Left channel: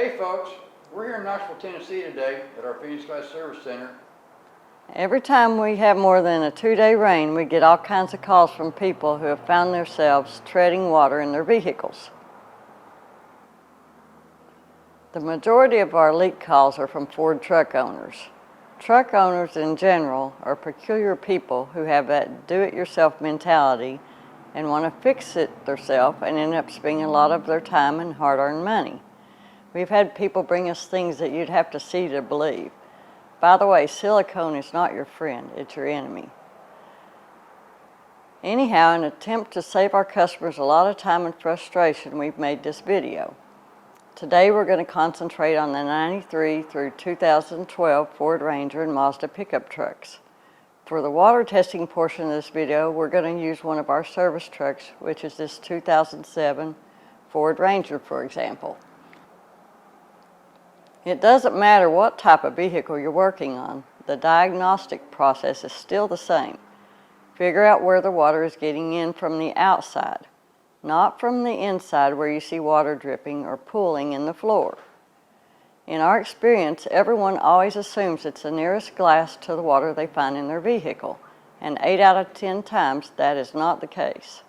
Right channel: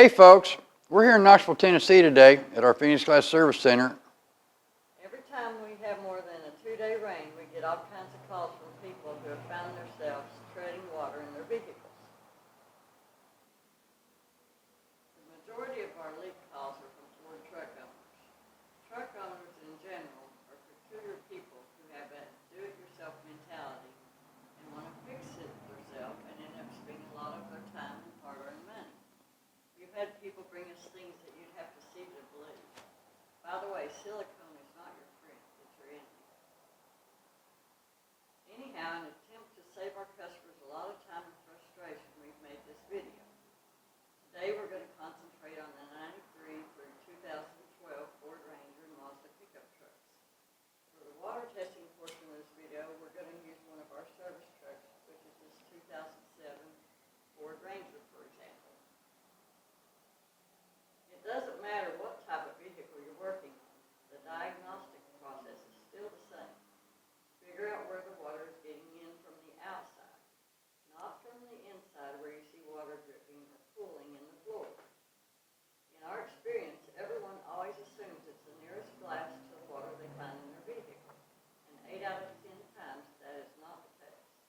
Hey folks, we're here in Knoxville, Tennessee today at our Phoenix Glass Service Center. Every time we have more than a 2-day rain, we get all kinds of calls from people who have found themselves treading water in their vehicles. The majority of our leak calls are from Ford truck owners. Truck owners in general are peculiar people who have that do-it-yourself mentality and want to fix it themselves and end up spending a lot of their time and hard-earned money. We've had people bring us things that you'd have to see to believe. By the way, silicone is not your friend, it's your enemy. Anyhow, in an attempt to save our customers a lot of time and frustration, we've made this video. Today we're going to concentrate on the 93 through 2012 Ford Ranger and Mazda pickup trucks. For the water testing portion of this video, we're going to use one of our service trucks, which is this 2007 Ford Ranger, for example. It doesn't matter what type of vehicle you're working on, the diagnostic process is still the same. Figure out where the water is getting in from the outside, not from the inside where you see water dripping or pooling in the floor. In our experience, everyone always assumes it's the nearest glass to the water they find in their vehicle, and 8 out of 10 times that is not the case.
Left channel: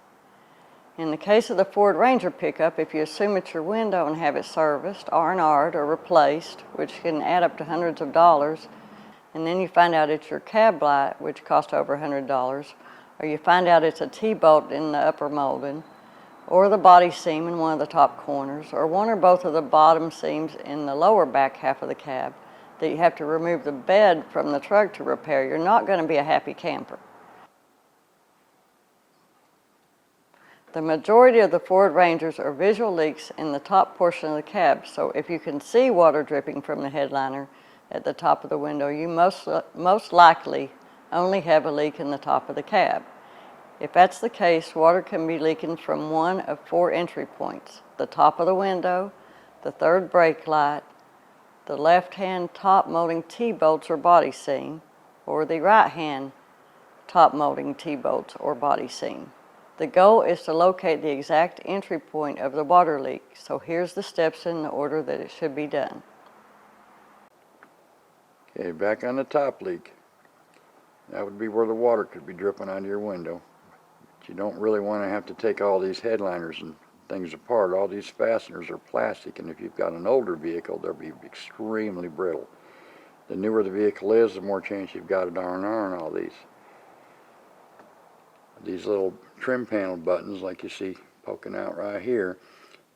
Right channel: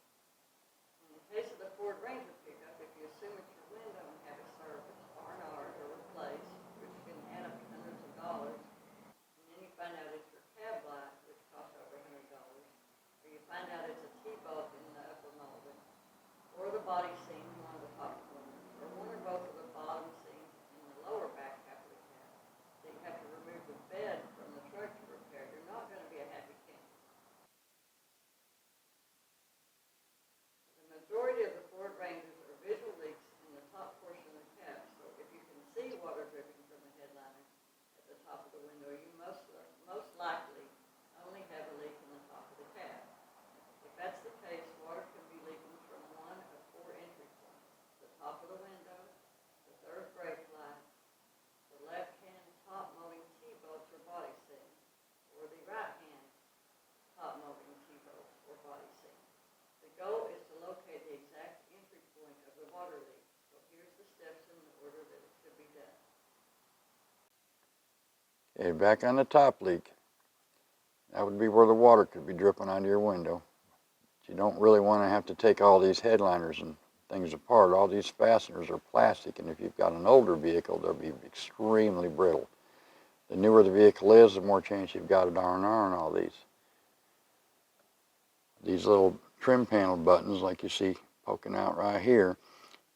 In the case of the Ford Ranger pickup, if you assume it's your window and have it serviced, R&R'd, or replaced, which can add up to hundreds of dollars, and then you find out it's your cab light, which cost over $100, or you find out it's a T-bolt in the upper molding, or the body seam in one of the top corners, or one or both of the bottom seams in the lower back half of the cab, that you have to remove the bed from the truck to repair, you're not going to be a happy camper. The majority of the Ford Rangers are visual leaks in the top portion of the cab, so if you can see water dripping from the headliner at the top of the window, you most likely only have a leak in the top of the cab. If that's the case, water can be leaking from one of 4 entry points: the top of the window, the third brake light, the left-hand top molding T-bolts or body seam, or the right-hand top molding T-bolts or body seam. The goal is to locate the exact entry point of the water leak, so here's the steps in the order that it should be done. Okay, back on the top leak. That would be where the water could be dripping onto your window. But you don't really want to have to take all these headliners and things apart. All these fasteners are plastic, and if you've got an older vehicle, they'll be extremely brittle. The newer the vehicle is, the more chance you've got of R&R on all these. These little trim panel buttons, like you see poking out right here,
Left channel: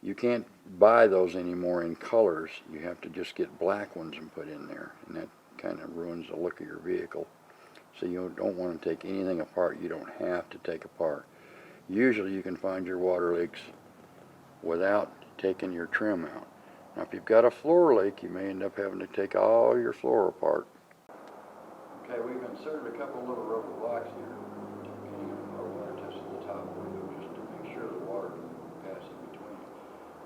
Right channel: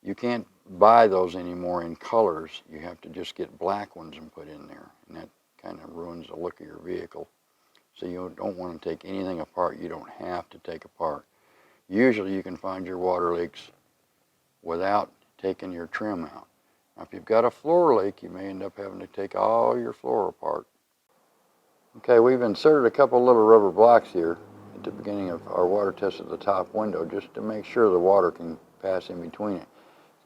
you can't buy those anymore in colors. You have to just get black ones and put in there, and that kind of ruins the look of your vehicle. So you don't want to take anything apart you don't have to take apart. Usually you can find your water leaks without taking your trim out. Now if you've got a floor leak, you may end up having to take all your floor apart. Okay, we've inserted a couple little rubber blocks here at the beginning of our water test at the top window, just to make sure the water can pass in between it.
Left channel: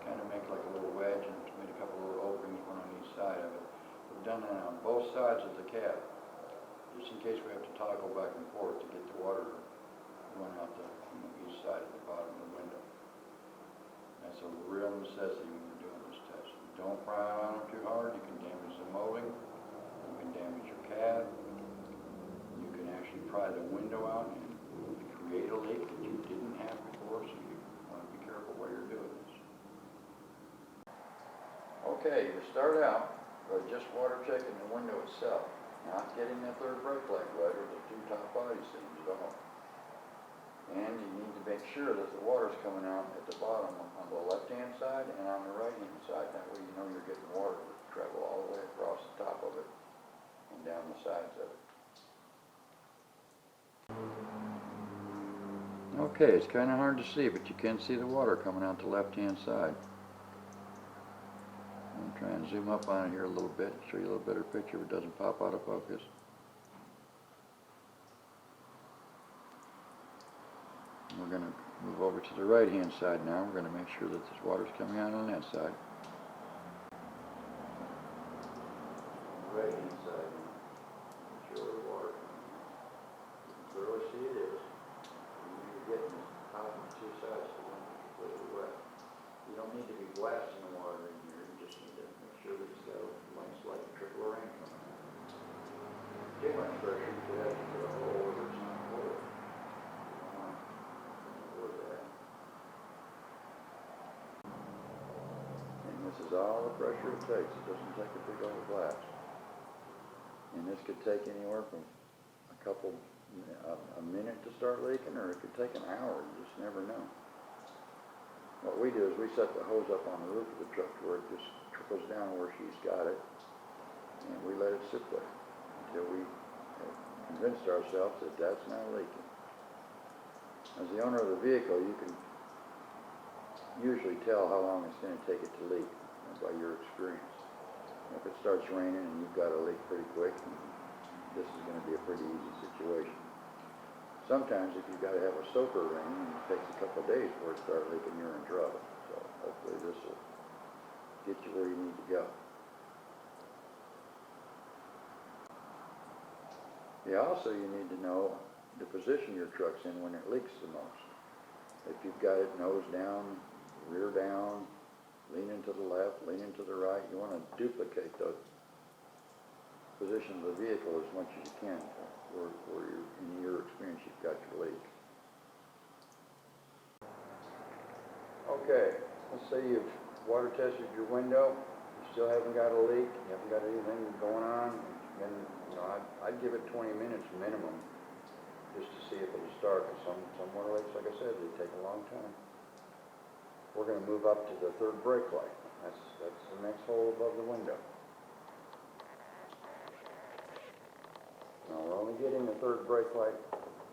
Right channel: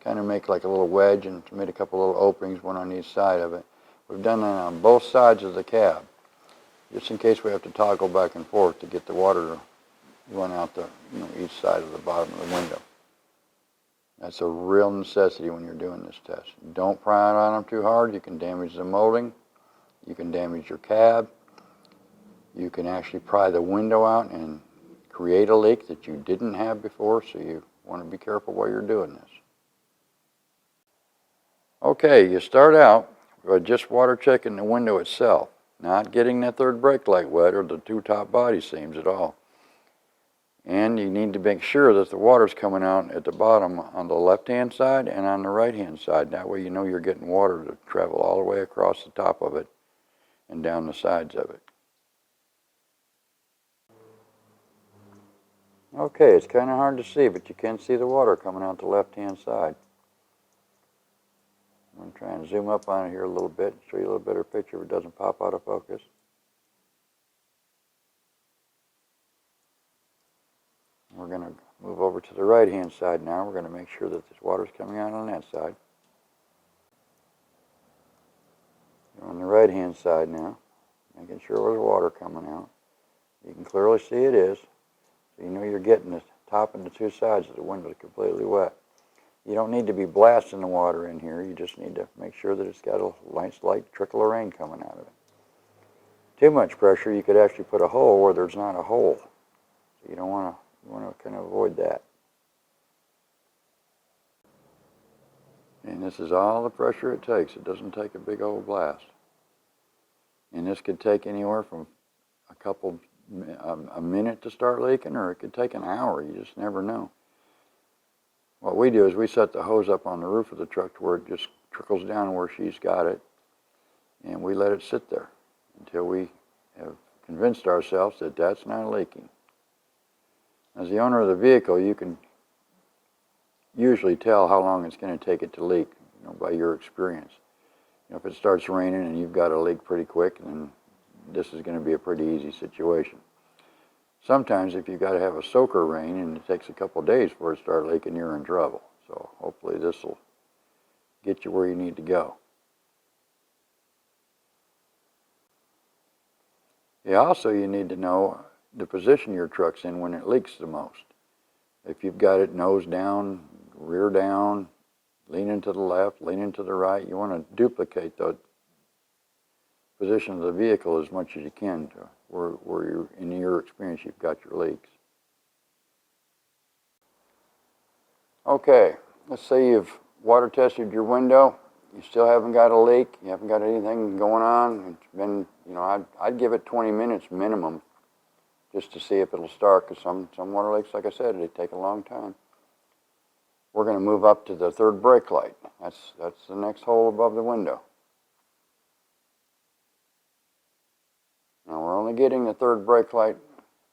Kind of make like a little wedge and made a couple little openings, one on each side of it. We've done that on both sides of the cab, just in case we have to toggle back and forth to get the water to run out each side of the bottom of the window. That's a real necessity when you're doing this test. Don't pry on them too hard. You can damage the molding. You can damage your cab. You can actually pry the window out and create a leak that you didn't have before, so you want to be careful while you're doing this. Okay, you start out by just water checking the window itself, not getting that third brake light wet or the 2 top body seams at all. And you need to make sure that the water's coming out at the bottom on the left-hand side and on the right-hand side. That way you know you're getting water to travel all the way across the top of it and down the sides of it. Okay, it's kind of hard to see, but you can see the water coming out the left-hand side. I'm trying to zoom up on it here a little bit, show you a little better picture if it doesn't pop out of focus. We're going to move over to the right-hand side now. We're going to make sure that this water's coming out on that side. On the right-hand side now, making sure there's water coming out. You can clearly see it is. You know you're getting the top and the 2 sides of the window completely wet. You don't need to be blasting the water in here. You just need to make sure that it's got a nice light trickle of rain coming out of it. Too much pressure, you could actually put a hole where there's not a hole. You don't want to kind of avoid that. And this is all the pressure it takes. It doesn't take a big old blast. And this could take anywhere from a minute to start leaking, or it could take an hour. You just never know. What we do is we set the hose up on the roof of the truck to where it just trickles down where she's got it, and we let it sit there until we have convinced ourselves that that's not leaking. As the owner of the vehicle, you can usually tell how long it's going to take it to leak, by your experience. If it starts raining and you've got a leak pretty quick, then this is going to be a pretty easy situation. Sometimes if you've got to have a soaker rain and it takes a couple days before it starts leaking, you're in trouble. So hopefully this will get you where you need to go. Also, you need to know the position your truck's in when it leaks the most. If you've got it nose down, rear down, leaning to the left, leaning to the right, you want to duplicate the position of the vehicle as much as you can to where you're, in your experience, you've got your leaks. Okay, let's say you've water tested your window, you still haven't got a leak, you haven't got anything going on. It's been, I'd give it 20 minutes minimum just to see if it'll start, because some water leaks, like I said, they take a long time. We're going to move up to the third brake light. That's the next hole above the window. Now we're only getting the third brake light,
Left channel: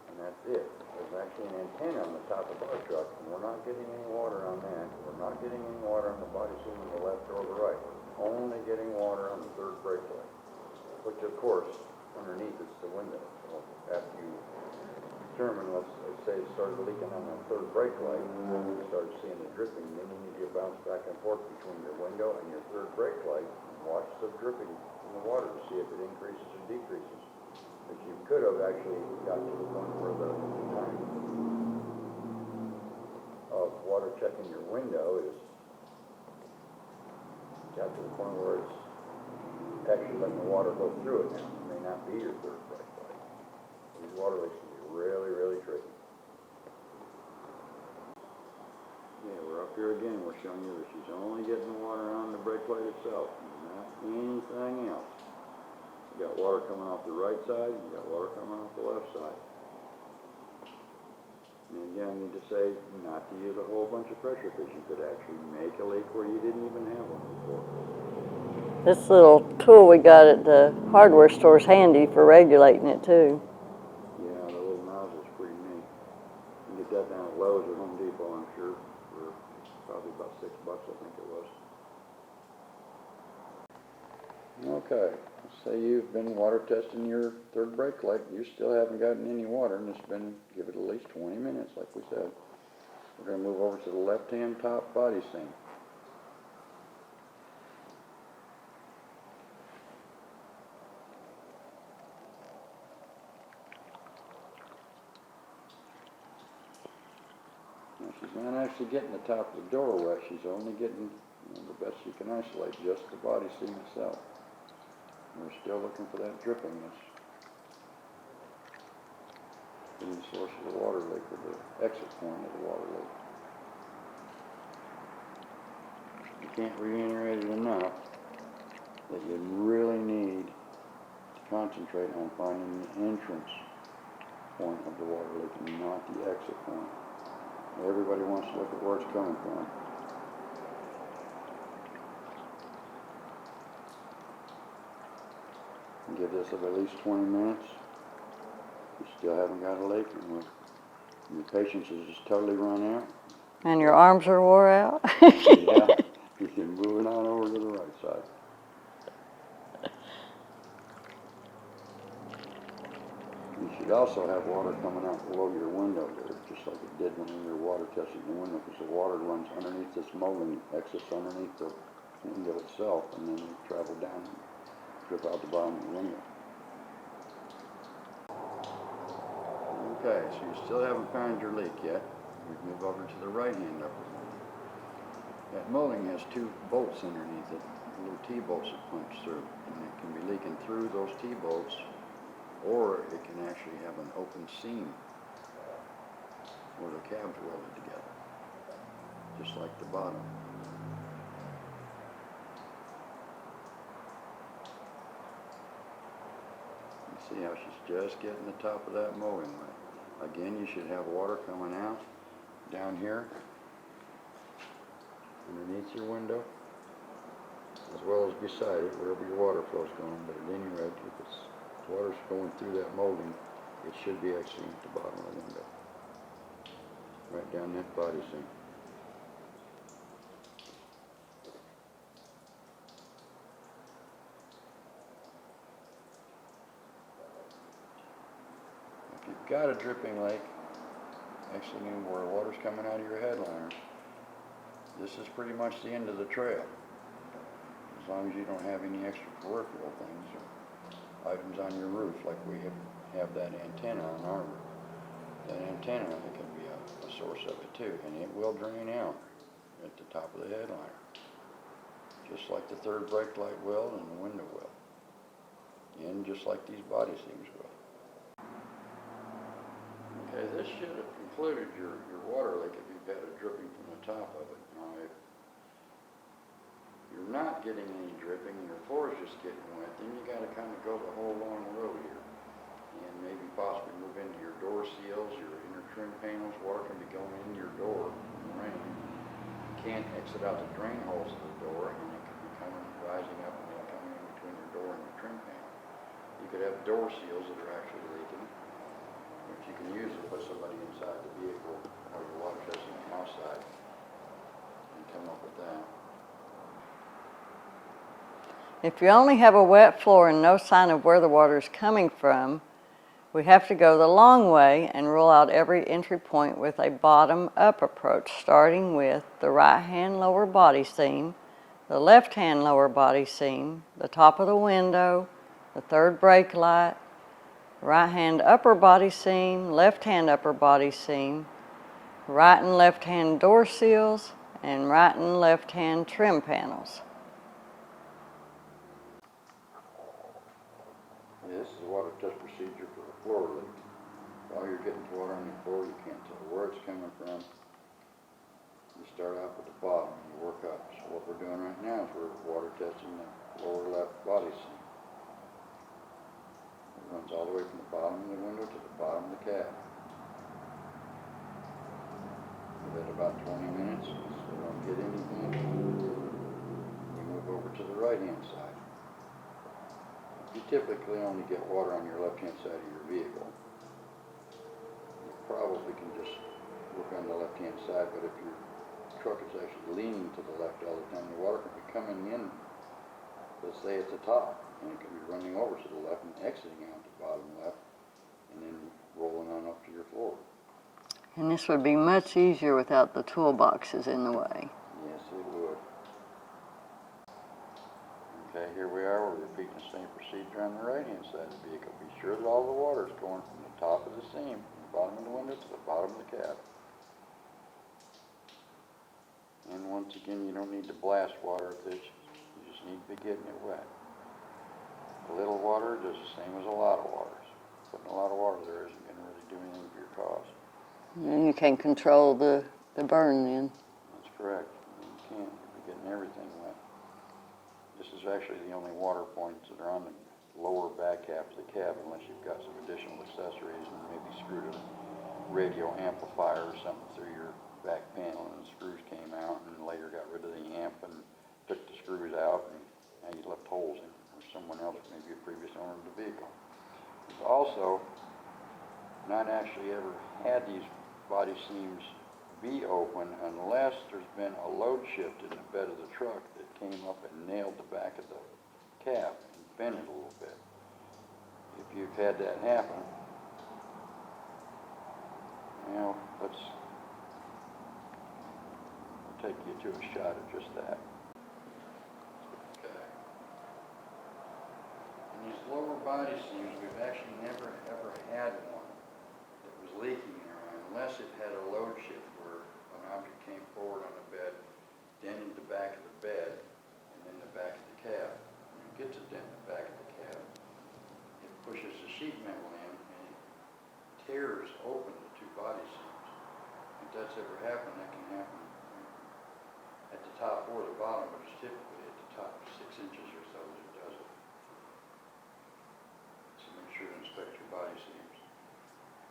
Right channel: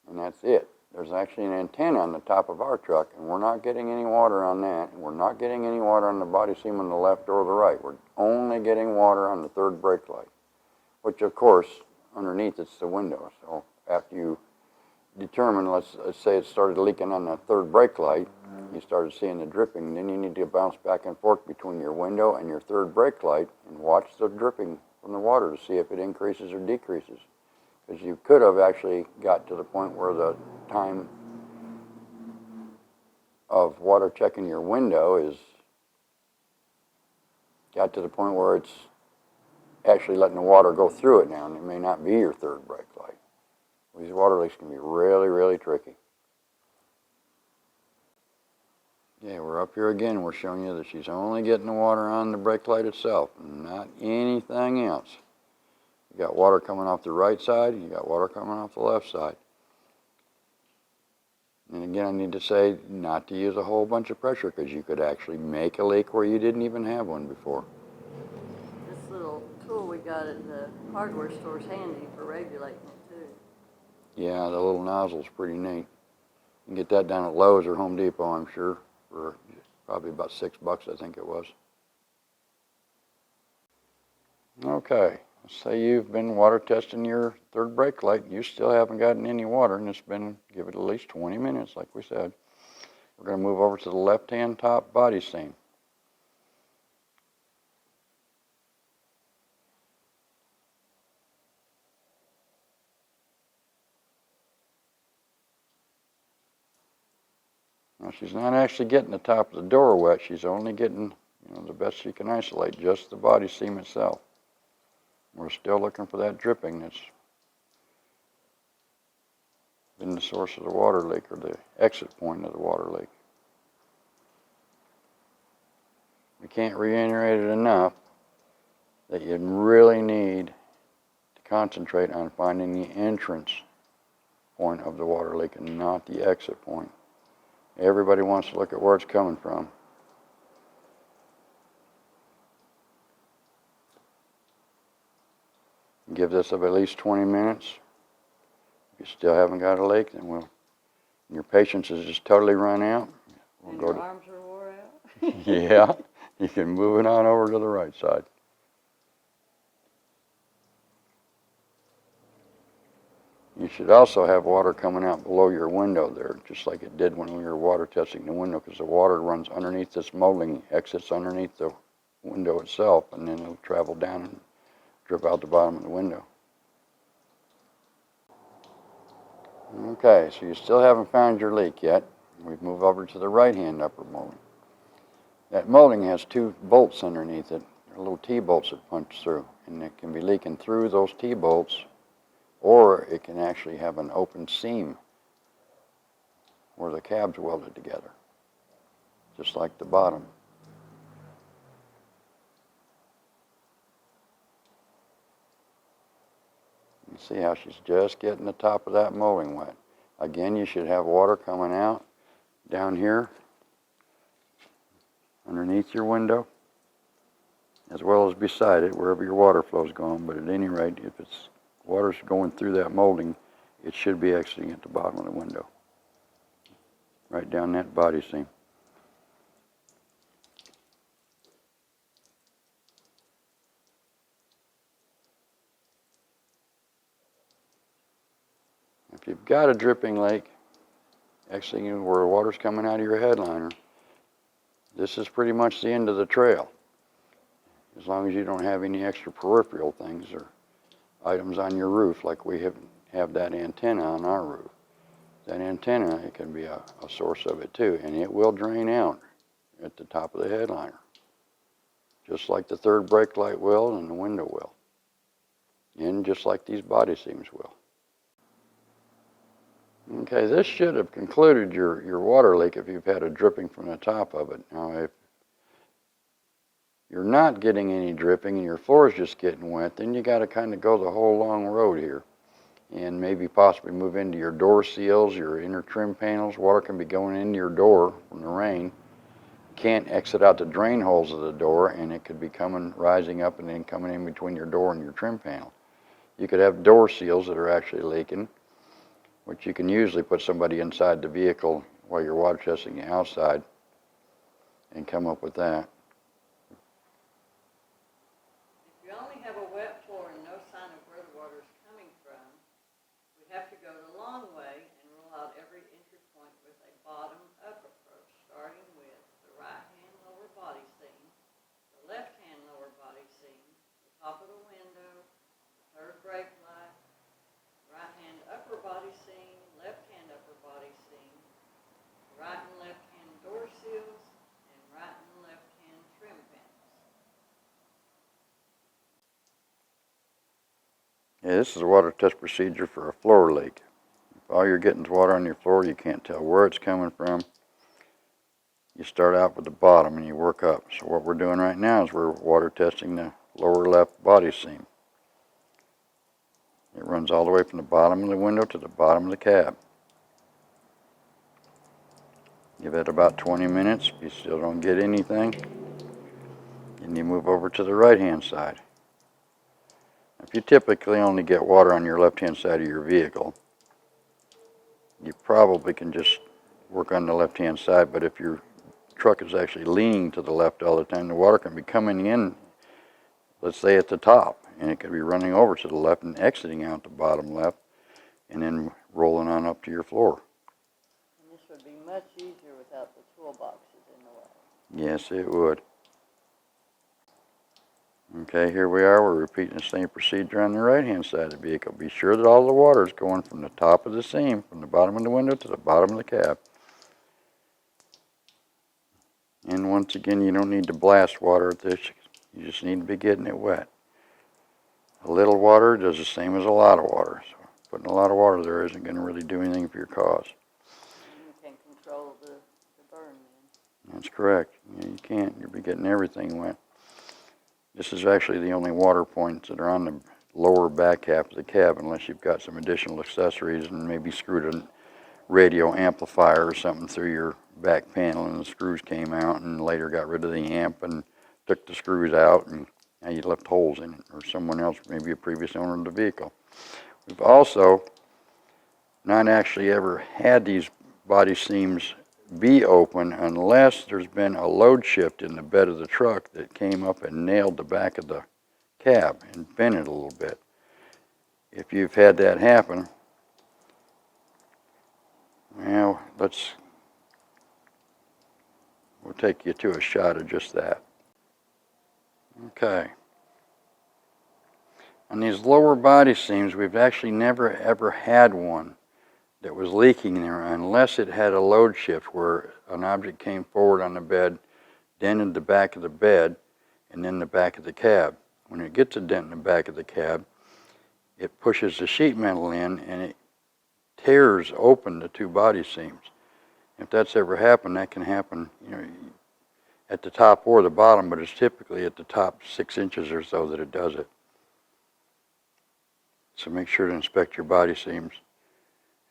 and that's it. There's actually an antenna on the top of our truck, and we're not getting any water on that. We're not getting any water on the body seam on the left or the right. We're only getting water on the third brake light, which of course, underneath it's the window. So after you determine, let's say it started leaking on the third brake light, you started seeing the dripping, then you need to bounce back and forth between your window and your third brake light and watch the dripping from the water to see if it increases or decreases. Because you could have actually got to the point where the time of water checking your window got to the point where it's actually letting the water go through it now, and it may not be your third brake light. These water leaks can be really, really tricky. Yeah, we're up here again. We're showing you that she's only getting the water on the brake light itself, not anything else. You got water coming off the right side, and you got water coming off the left side. And again, I need to say not to use a whole bunch of pressure, because you could actually make a leak where you didn't even have one before. This little tool we got at the hardware store is handy for regulating it too. Yeah, the little nozzle's pretty neat. You can get that down at Lowe's or Home Depot, I'm sure, for probably about $6, I think it was. Okay, let's say you've been water testing your third brake light. You still haven't gotten any water, and it's been, give it at least 20 minutes, like we said. We're going to move over to the left-hand top body seam. Now, she's not actually getting the top of the door wet. She's only getting, the best she can isolate, just the body seam itself. We're still looking for that dripping that's in the source of the water leak, or the exit point of the water leak. You can't reiterate it enough that you really need to concentrate on finding the entrance point of the water leak and not the exit point. Everybody wants to look at where it's coming from. Give this at least 20 minutes. You still haven't got a leak, and your patience has just totally run out. And your arms are wore out. Yeah, you can move it on over to the right side. You should also have water coming out below your window there, just like it did when we were water testing the window, because the water runs underneath this molding, exits underneath the window itself, and then it'll travel down and drip out the bottom of the window. Okay, so you still haven't found your leak yet. We've moved over to the right-hand upper molding. That molding has 2 bolts underneath it, little T-bolts that punch through, and it can be leaking through those T-bolts, or it can actually have an open seam where the cab's welded together, just like the bottom. You see how she's just getting the top of that molding wet. Again, you should have water coming out down here underneath your window, as well as beside it, wherever your water flow's going. But at any rate, if it's water's going through that molding, it should be exiting at the bottom of the window, right down that body seam. If you've got a dripping lake exiting where water's coming out of your headliner, this is pretty much the end of the trail. As long as you don't have any extra peripheral things or items on your roof, like we have that antenna on our roof. That antenna, it can be a source of it too, and it will drain out at the top of the headliner, just like the third brake light will and the window will, and just like these body seams will. Okay, this should have concluded your water leak if you've had a dripping from the top of it. Now, if you're not getting any dripping and your floor is just getting wet, then you got to kind of go the whole long road here and maybe possibly move into your door seals, your inner trim panels. Water can be going into your door in the rain. Can't exit out the drain holes of the door, and it could be rising up and then coming in between your door and your trim panel. You could have door seals that are actually leaking, which you can usually put somebody inside the vehicle while you're water testing outside and come up with that. If you only have a wet floor and no sign of where the water is coming from, we have to go the long way and rule out every entry point with a bottom-up approach, starting with the right-hand lower body seam, the left-hand lower body seam, the top of the window, the third brake light, right-hand upper body seam, left-hand upper body seam, right and left-hand door seals, and right and left-hand trim panels. Yeah, this is a water test procedure for a floor leak. All you're getting is water on your floor. You can't tell where it's coming from. You start out with the bottom and you work up. So what we're doing right now is we're water testing the lower left body seam. It runs all the way from the bottom of the window to the bottom of the cab. Give it about 20 minutes. If you still don't get anything, and you move over to the right-hand side. If you typically only get water on your left-hand side of your vehicle, you probably can just work on the left-hand side, but if your truck is actually leaning to the left all the time, the water can be coming in, let's say at the top, and it could be running over to the left and exiting out the bottom left, and then rolling on up to your floor. And this would be much easier without the toolboxes in the way. Yes, it would. Okay, here we are. We're repeating the same procedure on the right-hand side of the vehicle. Be sure that all the water is going from the top of the seam, from the bottom of the window to the bottom of the cab. And once again, you don't need to blast water at this. You just need to be getting it wet. A little water does the same as a lot of water. So putting a lot of water there isn't going to really do anything for your cause. And you can control the burn then. That's correct. You can't. You'll be getting everything wet. This is actually the only water points that are on the lower back half of the cab, unless you've got some additional accessories and maybe screwed a radio amplifier or something through your back panel and the screws came out, and later got rid of the amp and took the screws out, and now you left holes in it, or someone else, maybe a previous owner of the vehicle. We've also not actually ever had these body seams be open unless there's been a load shift in the bed of the truck that came up and nailed the back of the cab and bent it a little bit. If you've had that happen, well, we'll take you to a shot of just that. Okay. On these lower body seams, we've actually never ever had one that was leaking there unless it had a load shift where an object came forward on the bed dented the back of the bed and then the back of the cab. When it gets a dent in the back of the cab, it pushes the sheet metal in and it tears open the two body seams. If that's ever happened, that can happen, at the top or the bottom, but it's typically at the top 6 inches or so that it does it. So make sure to inspect your body seams,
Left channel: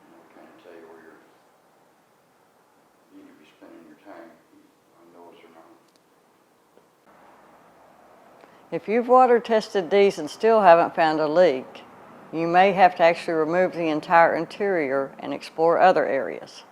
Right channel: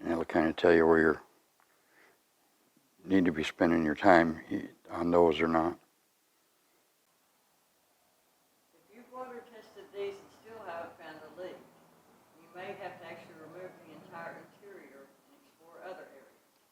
and it'll kind of tell you where you need to be spending your time on those or not. If you've water tested these and still haven't found a leak, you may have to actually remove the entire interior and explore other areas.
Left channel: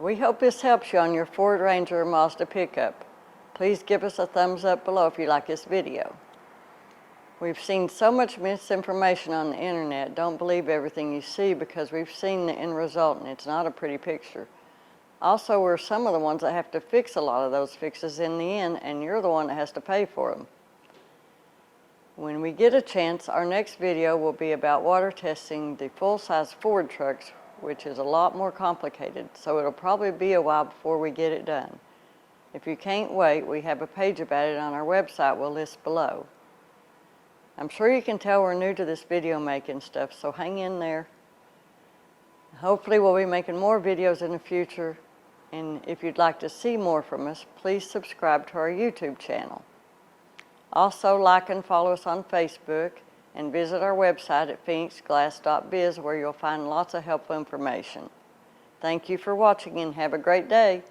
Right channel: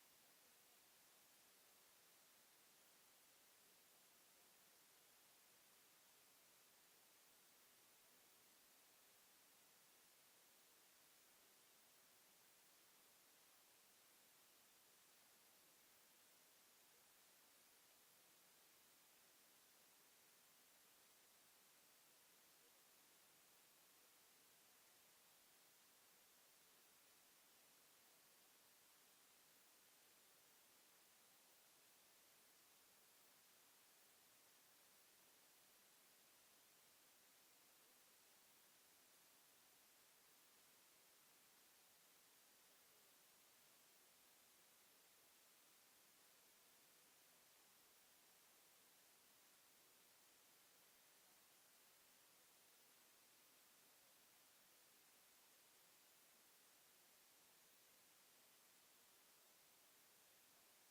We hope this helps you on your Ford Ranger or Mazda pickup. Please give us a thumbs up below if you like this video. We've seen so much misinformation on the internet. Don't believe everything you see, because we've seen the end result and it's not a pretty picture. Also, we're some of the ones that have to fix a lot of those fixes in the end, and you're the one that has to pay for them. When we get a chance, our next video will be about water testing the full-size Ford trucks, which is a lot more complicated, so it'll probably be a while before we get it done. If you can't wait, we have a page about it on our website we'll list below. I'm sure you can tell we're new to this video making stuff, so hang in there. Hopefully we'll be making more videos in the future, and if you'd like to see more from us, please subscribe to our YouTube channel. Also, like and follow us on Facebook, and visit our website at phoenixglass.biz, where you'll find lots of helpful information. Thank you for watching and have a great day.